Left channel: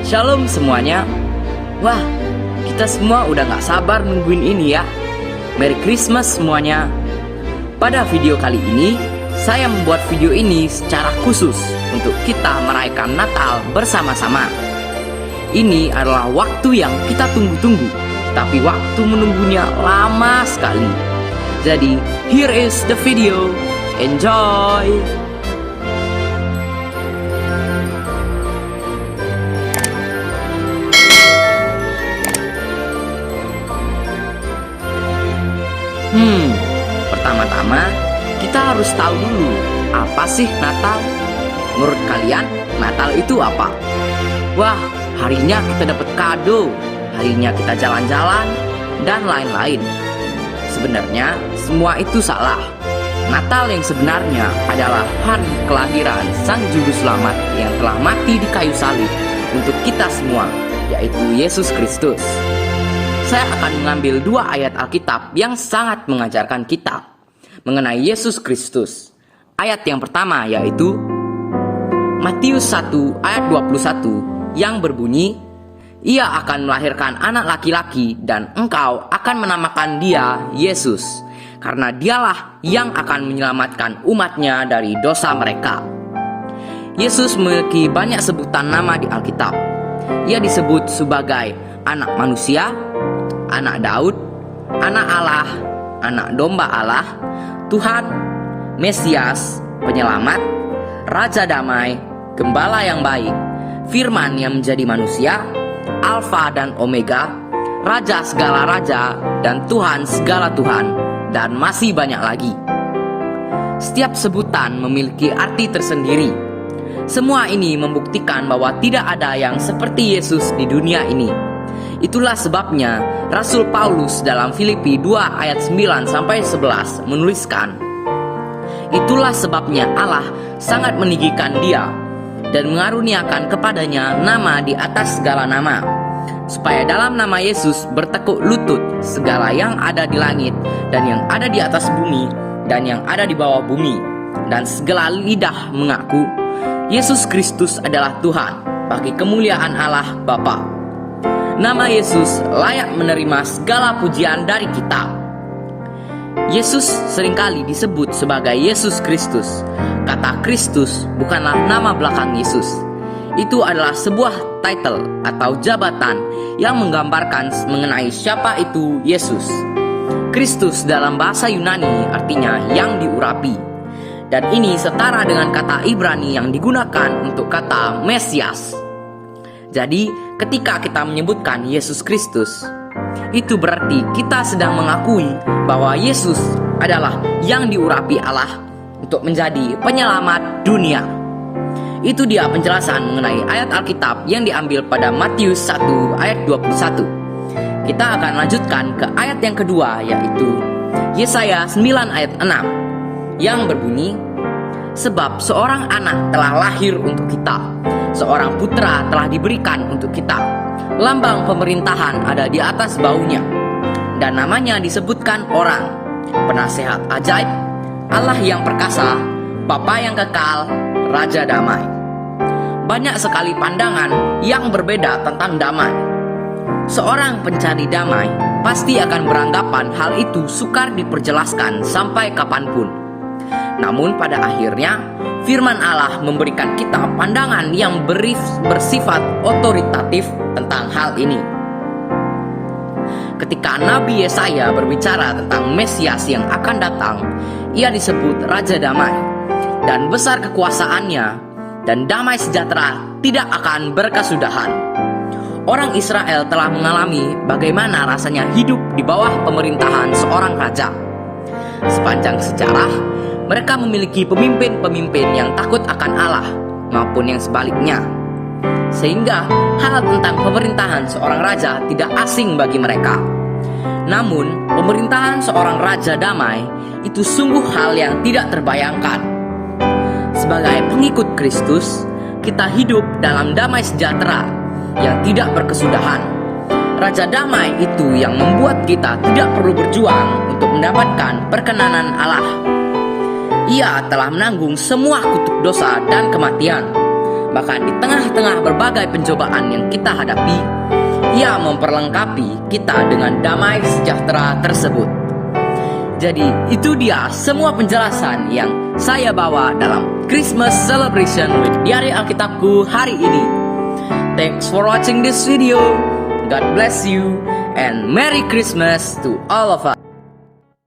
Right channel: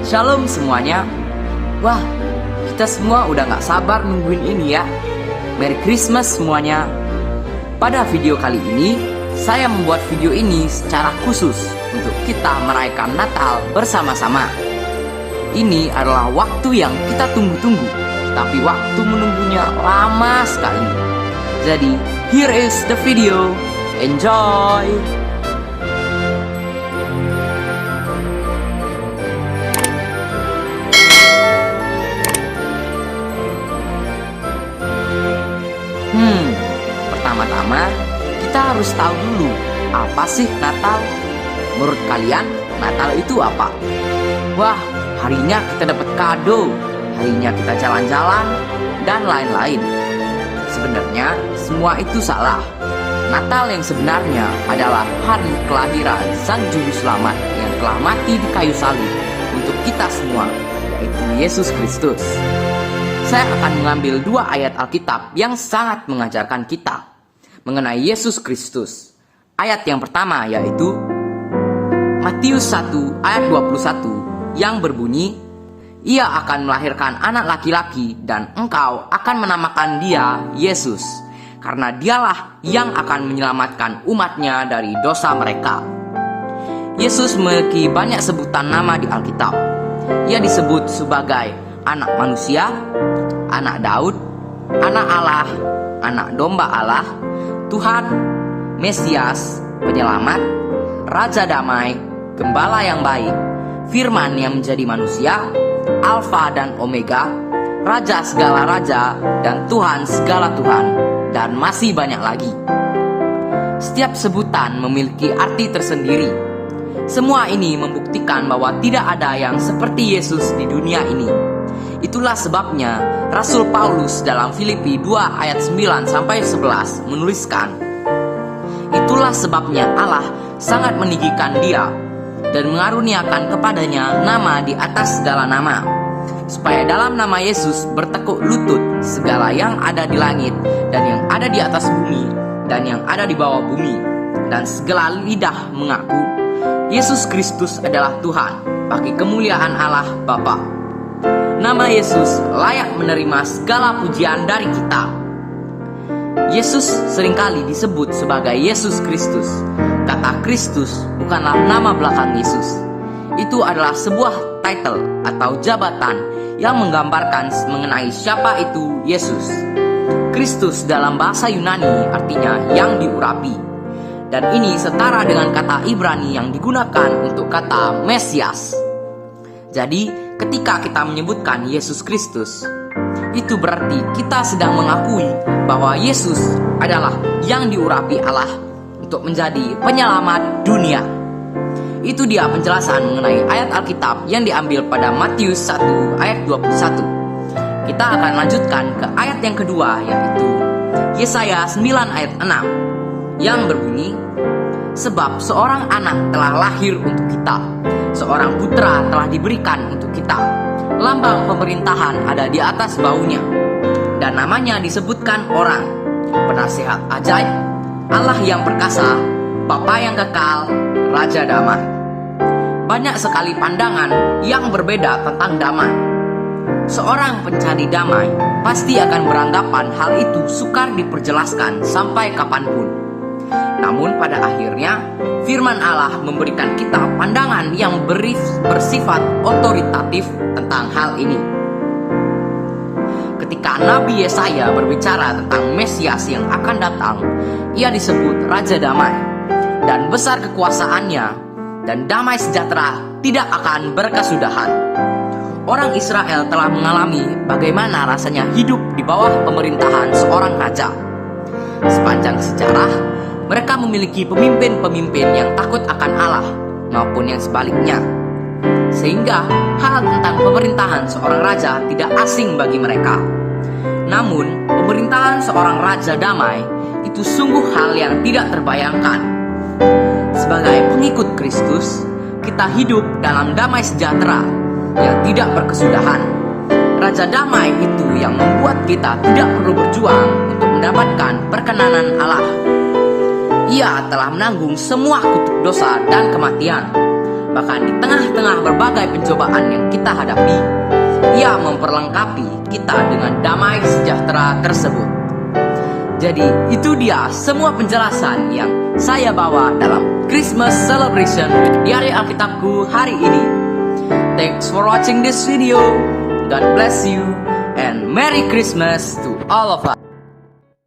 Shalom semuanya. Wah, kita semua udah gak sabar nungguin ini ya. Merry Christmas semuanya. Pada video kali ini, saya membuat video ini secara khusus untuk kita merayakan Natal bersama-sama. Ini adalah waktu yang kita tunggu-tunggu, tapi waktu menunggunya lama sekali. Jadi, here is the video. Enjoy! Pertama-tama kita harus tahu dulu apa sih Natal. Menurut kalian Natal itu apa? Wah, harinya kita dapat kado, harinya kita jalan-jalan, dan lain-lain. Sebenarnya semua itu salah. Natal yang sebenarnya adalah hari kelahiran Sang Juru Selamat yang telah mati di kayu salib untuk kita semua, yaitu Yesus Kristus. Saya akan mengambil 2 ayat Alkitab yang sangat mengajarkan kita mengenai Yesus Kristus. Ayat yang pertama yaitu Matius 1 ayat 21 yang berbunyi, "Ia akan melahirkan anak laki-laki dan engkau akan menamakan dia Yesus, karena dialah yang akan menyelamatkan umatnya dari dosa mereka." Yesus memiliki banyak sebutan nama di Alkitab. Ia disebut sebagai anak manusia, anak Daud, anak Allah, anak domba Allah, Tuhan, Mesias, penyelamat, Raja damai, Gembala yang baik, Firman yang menjadi manusia, Alfa dan Omega, Raja segala raja, dan Tuhan segala Tuhan, dan masih banyak lagi. Setiap sebutan memiliki arti tersendiri. Semua ini membuktikan bahwa tidak ada yang seperti Yesus di dunia ini. Itulah sebabnya Rasul Paulus dalam Filipi 2 ayat 9-11 menuliskan, "Itulah sebabnya Allah sangat meninggikan dia dan mengaruniakan kepadanya nama di atas segala nama, supaya dalam nama Yesus bertekuk lutut segala yang ada di langit dan yang ada di atas bumi dan yang ada di bawah bumi, dan segala lidah mengaku Yesus Kristus adalah Tuhan, bagi kemuliaan Allah Bapa." Nama Yesus layak menerima segala pujian dari kita. Yesus seringkali disebut sebagai Yesus Kristus. Kata Kristus bukanlah nama belakang Yesus. Itu adalah sebuah title atau jabatan yang menggambarkan mengenai siapa itu Yesus. Kristus dalam bahasa Yunani artinya yang diurapi. Dan ini setara dengan kata Ibrani yang digunakan untuk kata Mesias. Jadi, ketika kita menyebutkan Yesus Kristus, itu berarti kita sedang mengakui bahwa Yesus adalah yang diurapi Allah untuk menjadi penyelamat dunia. Itu dia penjelasan mengenai ayat Alkitab yang diambil pada Matius 1 ayat 21. Kita akan lanjutkan ke ayat yang kedua, yaitu Yesaya 9 ayat 6 yang berbunyi, "Sebab seorang anak telah lahir untuk kita, seorang putra telah diberikan untuk kita. Lambang pemerintahan ada di atas baunya, dan namanya disebutkan Orang, Penasehat Ajaib, Allah yang perkasa, Bapa yang kekal, Raja damai." Banyak sekali pandangan yang berbeda tentang damai. Seorang pencari damai pasti akan beranggapan hal itu sukar diperjelaskan sampai kapanpun. Namun pada akhirnya Firman Allah memberikan kita pandangan yang bersifat otoritatif tentang hal ini. Ketika Nabi Yesaya berbicara tentang Mesias yang akan datang, ia disebut Raja Damai, dan besar kekuasaannya, dan damai sejahtera tidak akan berkesudahan. Orang Israel telah mengalami bagaimana rasanya hidup di bawah pemerintahan seorang raja. Sepanjang sejarah, mereka memiliki pemimpin-pemimpin yang takut akan Allah maupun yang sebaliknya. Sehingga hal tentang pemerintahan seorang raja tidak asing bagi mereka. Namun, pemerintahan seorang raja damai itu sungguh hal yang tidak terbayangkan. Sebagai pengikut Kristus, kita hidup dalam damai sejahtera yang tidak berkesudahan. Raja damai itu yang membuat kita tidak perlu berjuang untuk mendapatkan perkenanan Allah. Ia telah menanggung semua kutuk dosa dan kematian. Bahkan di tengah-tengah berbagai pencobaan yang kita hadapi, Ia memperlengkapi kita dengan damai sejahtera tersebut. Jadi itu dia semua penjelasan yang saya bawa dalam Christmas Celebration di hari Alkitabku hari ini. Thanks for watching this video. God bless you and Merry Christmas to all of us.